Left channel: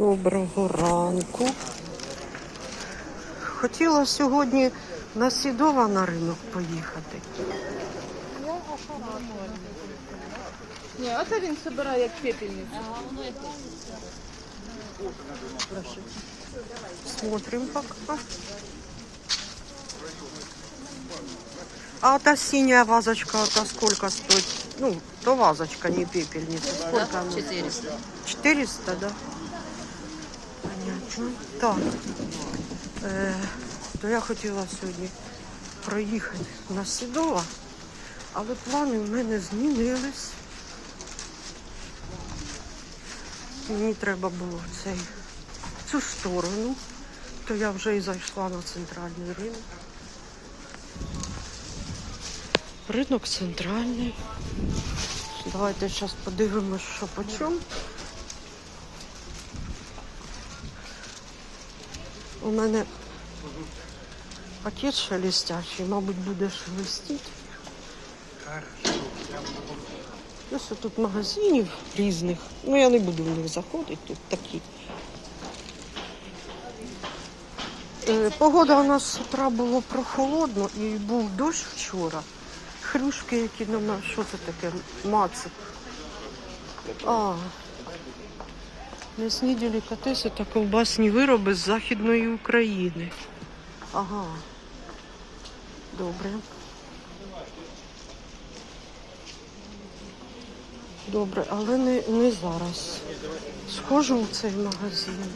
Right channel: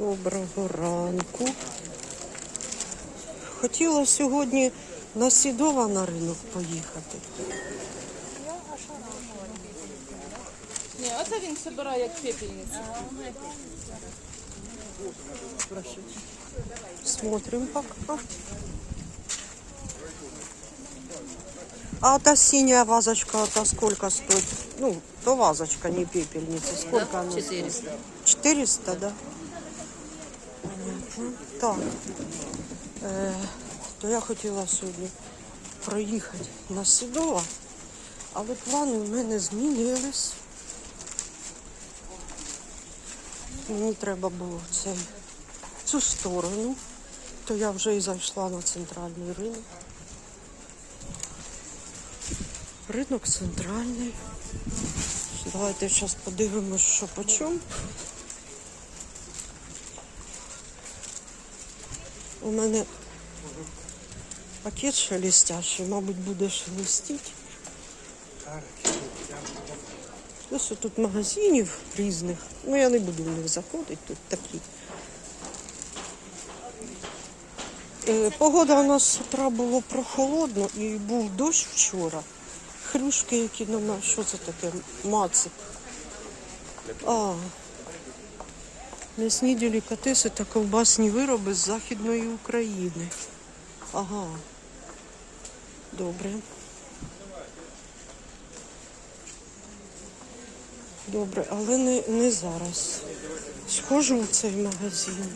Доброго ранку. Хотіла сьогодні на Сідова на ринок поїхати. Ні, оце він збирає як пепельницю. Смотрим пока. А та синяя вазочка, это сколько стоит? Ну, то вазочка, не пепельница. Сколько она? 400. 400, да? Понятно. Так. Е, то я хотіла сьогодні проїхати на Сідова, але плани в мене змінились. Мені треба було цей, цю сторону, то я вже і зайшла на центральний ринок. Ринок центральний. Давайте зараз подивимось, що по чому. У мене пакет шелестящий, мабуть, буде шелестіти. Ось тут магазинів різних. Ну, я не буду в них заходити, тут такі. Е, Погода у нас з утра було прохолодно і був дощ вчора. Хрюшки, які на мене, що це таке? Мацик. А, м'ясні делікатеси та ковбасні вироби з Західної України. Ага. Добре. Добре, але не, не зараз. Схожу в цей магазин.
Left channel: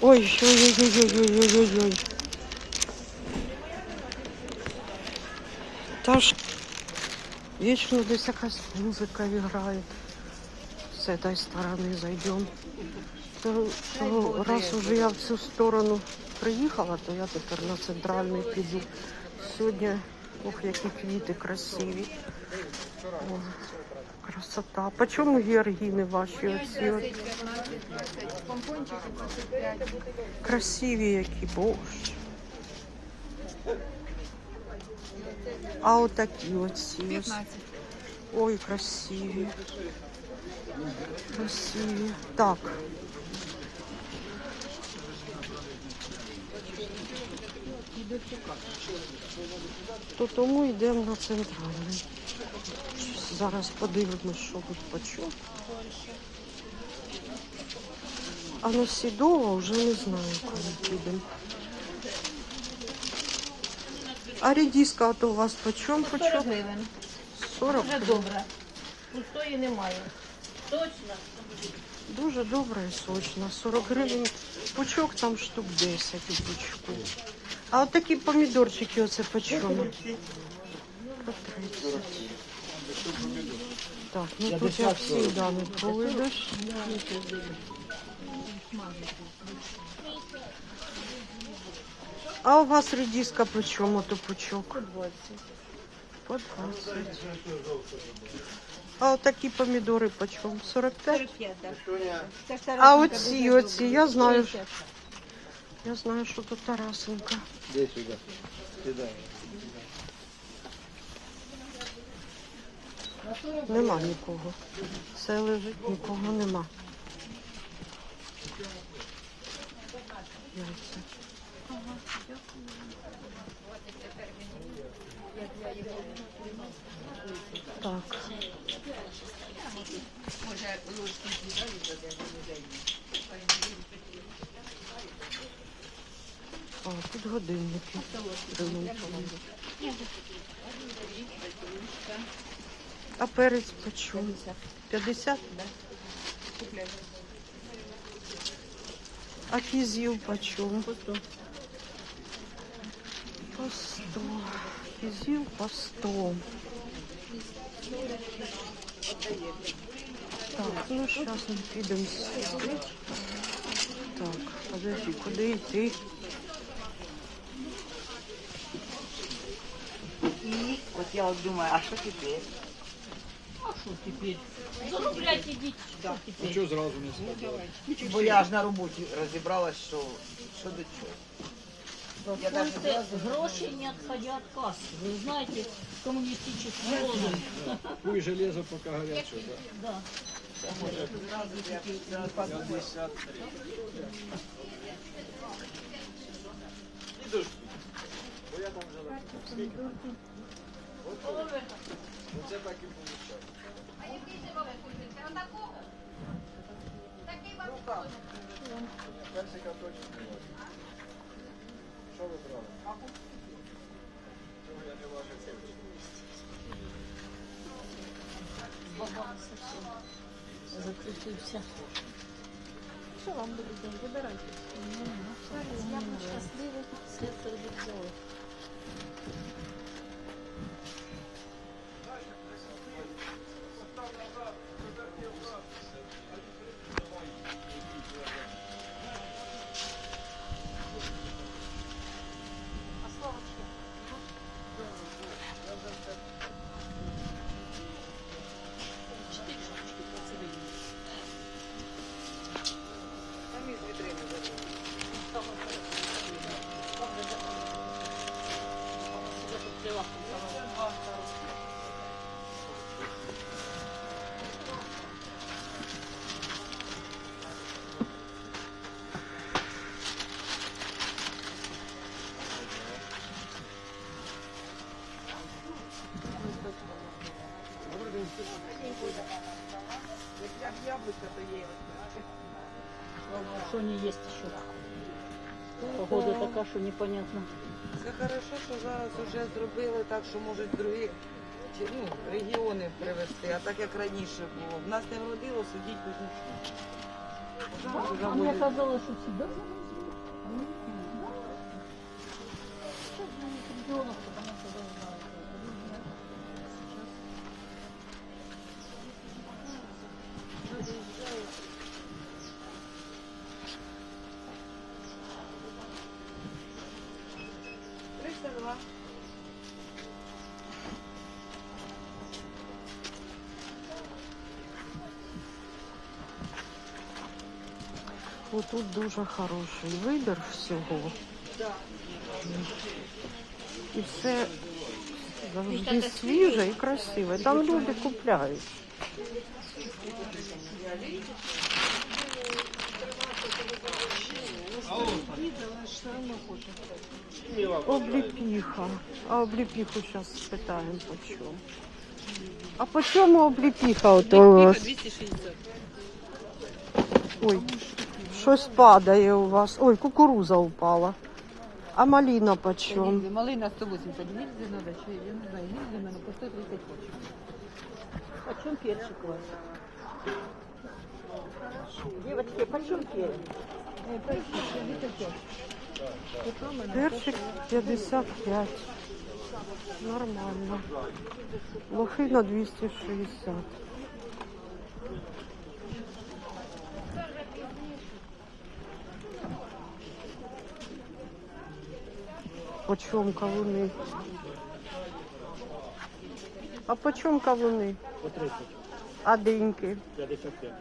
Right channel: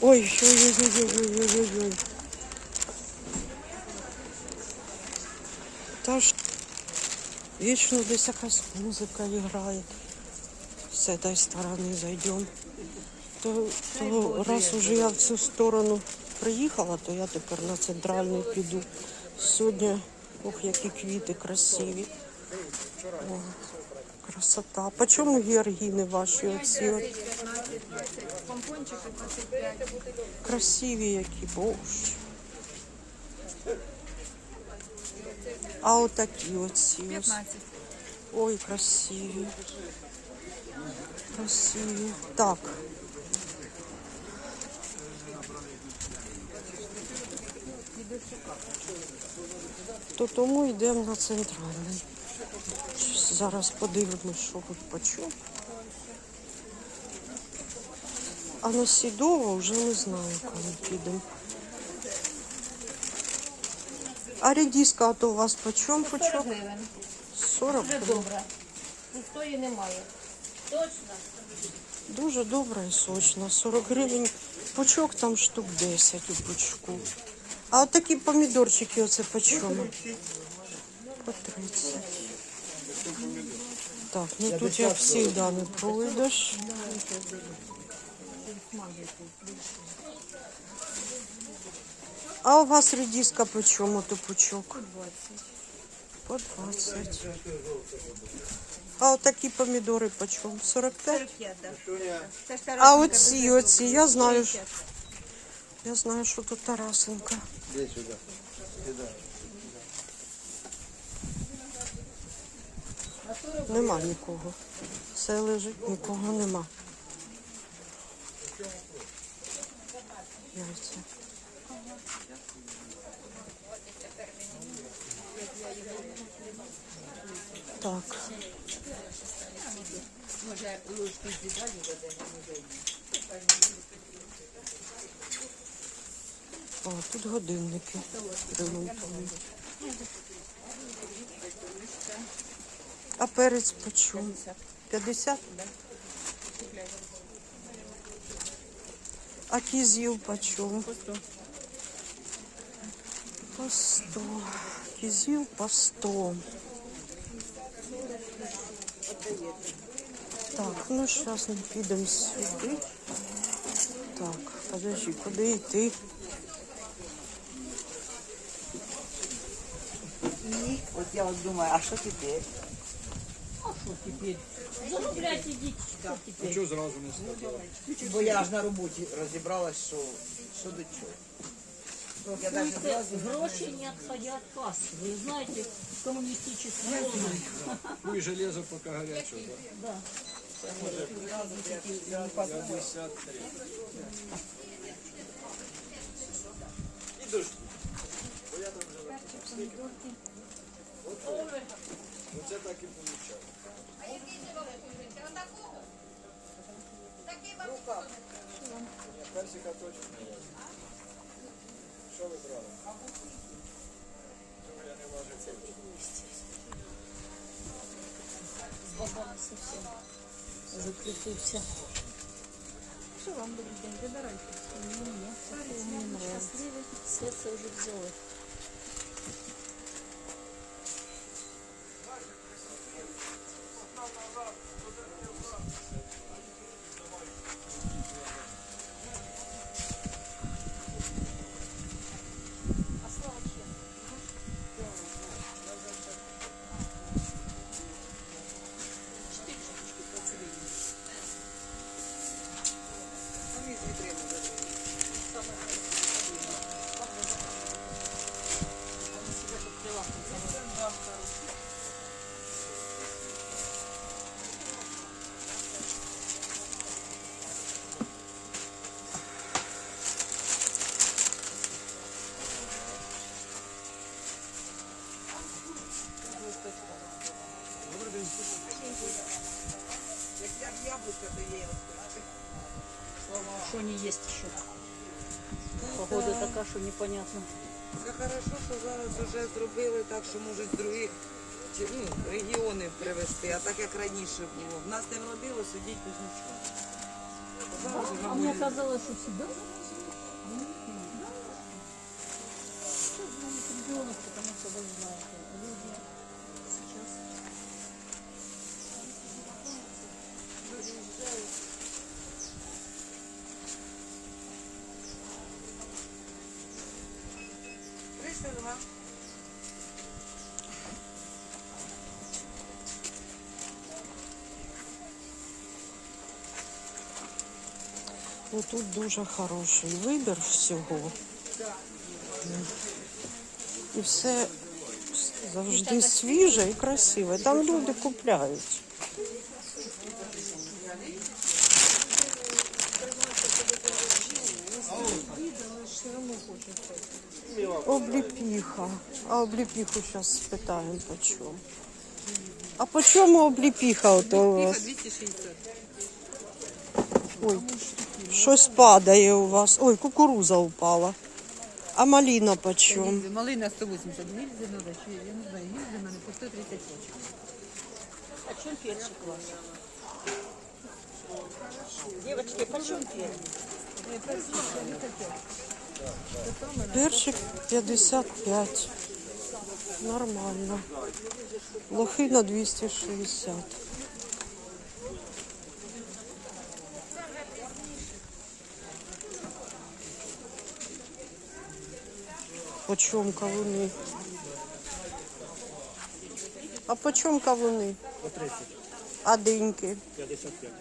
Ой, ой, ой, ой, ой, ой, ой, ой. Та ж вічно десь якась музика грає. З цієї сторони зайдемо. То, то раз уже я в цю сторону приїхала, то я тепер на центральний піду. Сьогодні, ох, які квіти красиві. О, красота. По чому георгіни ваші оці? от? Красиві які, боже. А отакі оці ось. Ой, красиві. Красиві. Так. То тому йдемо на центральний. Зараз подивимось, що тут почув. А на Сідово вже не знаю, коли підемо. А редиска то у вас почем? Почем? 40 Дуже добре. Пустої немає. Точно. Дуже добра і сочна. 40 гривень пучок, там штук 10 у пучку. А от такі помідорчики оце по чому? По 30. Так, ну тут як завжди не пройдеш. А у вас редиска по чому то пучок? По 20. А от такі помідори по чому? 45? А оці, оці, я знаю, що- я знаю, що тут Тарасенка. Иди сюда. Сюда. Нема нікого. Все лежить, нікого нема. Яйця. Так. О, тут годинники. А перець почем? 50? А кизил почем? По 100. Кизил по 100. Так, ну сейчас мы підемо сюди. Так, подожди, куди йти? И вот я вот думаю, а что теперь? Заробляйте, діть. Ну что сразу не сказал? Бо я аж на роботі розібралась, що, що до чого. Я даже Гроши не отходя от кассы. Вы знаете, коммунистический лозунг. Вы железо пока горячее, да? Да. Оце так і виходить. Персика точно не важить. Що ви я не важу цим? Закрутився. Що вам буде? Вибирайте. Все це вже взяли. Як яблука, то є. Що є, що? Погода така, що непонятно. Це хорошо, що зараз вже зробили так, що можуть другі ну, регіони привезти, а так як раніше було. В нас не вродило сидіть без нічого. А мне будуть. казалось, что сюда. Триста вина. Отут дуже хороший вибір всього. І все завжди свіже і красиве. Там люди купляють. Обліпіха. А обліпіху зараз спитаємо по чому. А по чому обліпіха? Ото у вас? 260. Ой, щось падає у вас. Ой, кукуруза упала. А маліна по чому? Малина 180 гільзи надо, чи я не знаю, гільзи в мене по 130 хоче. А чем перчик ваш? Девочки, почем перчик? Перчик 55. Нормально. Лохина 260. Почем кавуни? А почем кавуни? По 30. А диньки? 55.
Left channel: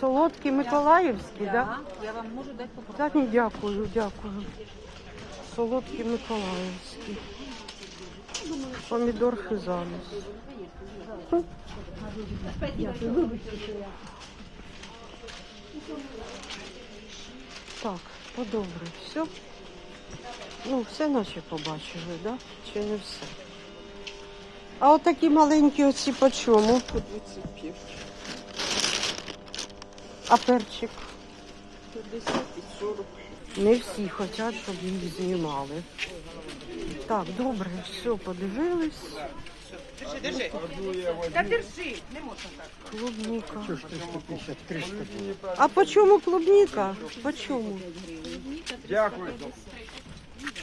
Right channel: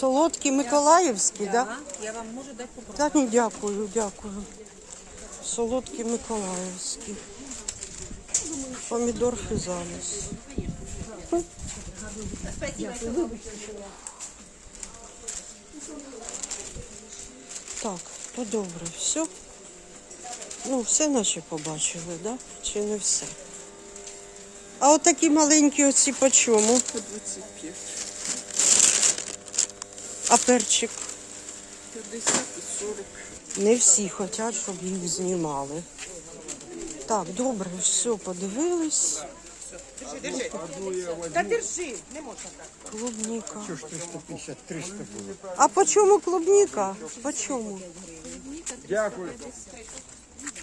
Солодкі Миколаївські, так? Да? Я вам можу дати попробувати. Та ні, дякую, дякую. Солодкі Миколаївські. Помідор фізаліс. Так, ну добре, все. Ну, все наче побачили, да? Чи не все? А отакі маленькі оці по чому? По 25. А перчик? 50 і 40. Не всі хочуть, щоб їх знімали. Так, добре, все, подивились. Держи, держи. Та держи, не можна так. Клубника. А по чому клубника? По чому? Дякую.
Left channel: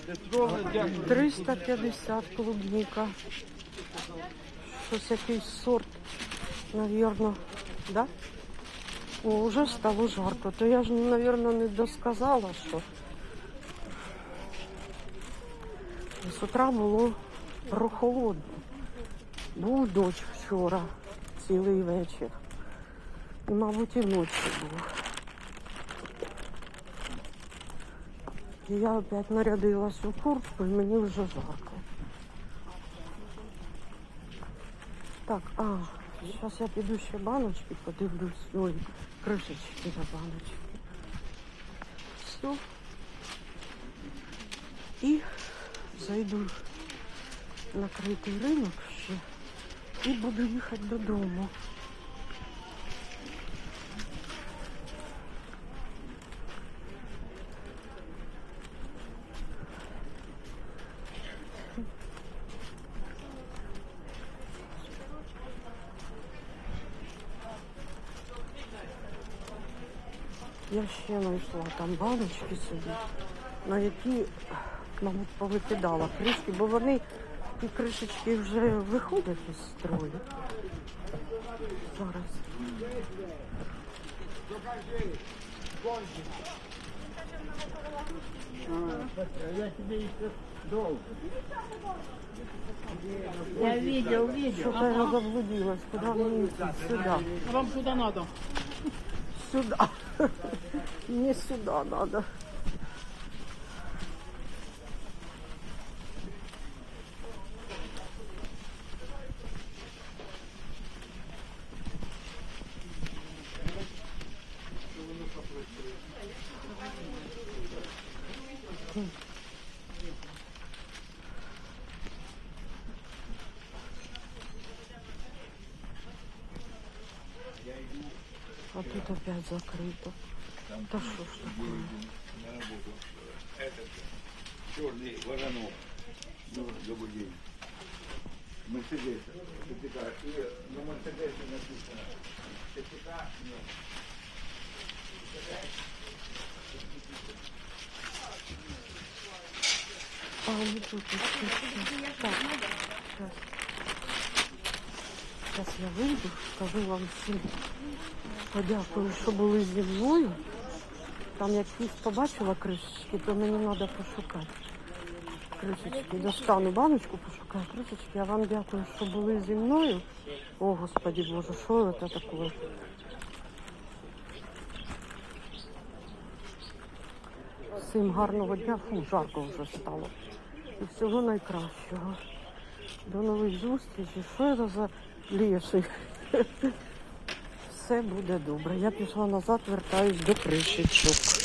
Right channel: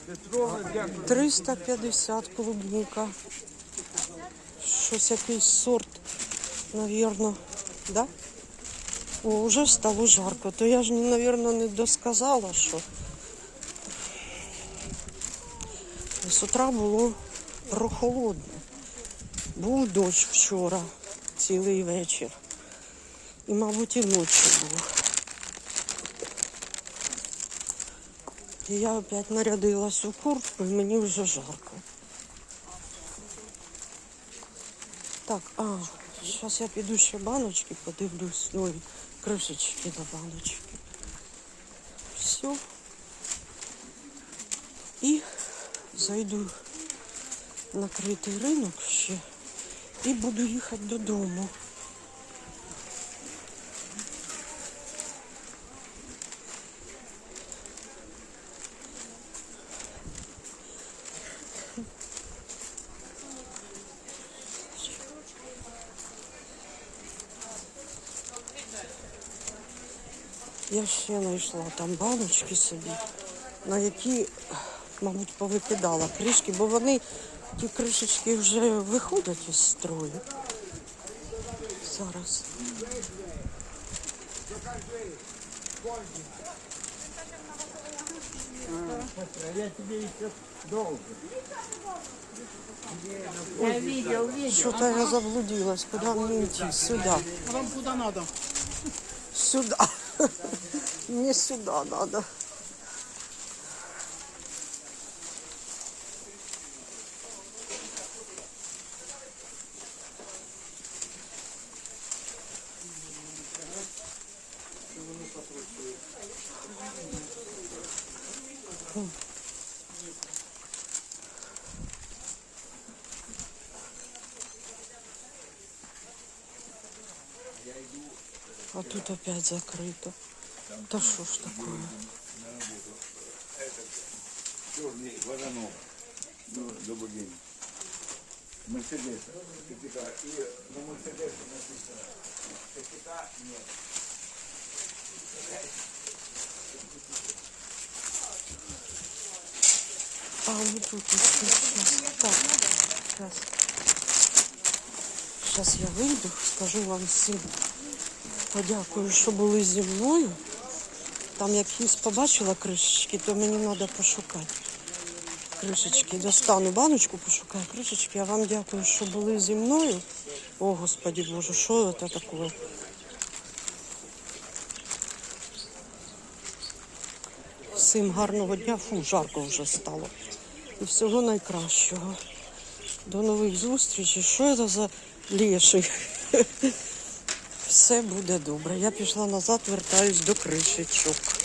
Петровна, дякую. 350 клубника. Щось якийсь сорт, навірно, да? О, вже стало жарко. То я ж, навірно, не досказала, що з утра було прохолодно. Був дощ вчора, цілий вечір. І, мабуть, і ночі був. І я опять нарядилась у куртку, і мені вже жарко. Так, а, зараз я піду ще баночки подивлюсь. Ой, кришечки на баночки. Все. І зайду на критий ринок ще і буду їхати додому. Я ще знайшла там баночки собі, на які, мабуть, повикидала кришки, бо вони, ті кришечки вже виходять із строю. Зараз. Я тебе еще долго. Я видел, видел. Что-то я заблудилась. Куда мне идти? Сюда. А вам куда надо? Сюда. Мне сюда надо. А тут опять закрыто. Да что ж такое? Черный воронок. Ну, добрый день. Мерседес. Сертификат. И на Мерседесе написано. Сертификат нет. А, вот тут еще сейчас. Так, сейчас. Сейчас я вийду, скажу вам всім. Подякую, що були зі мною. Там якісь побачила кришечки, то мені треба пошукати. Кришечки. Достану баночку, пошукаю кришечки. Я вам дякую, що були зі мною. О, Господи Боже, що це таке? Всім гарного дня, фу, жарко вже стало. І всього найкращого. До нових зустрічей. Що це за леший? Все буде добре. Я пішла назад, вертаюсь до кришечок.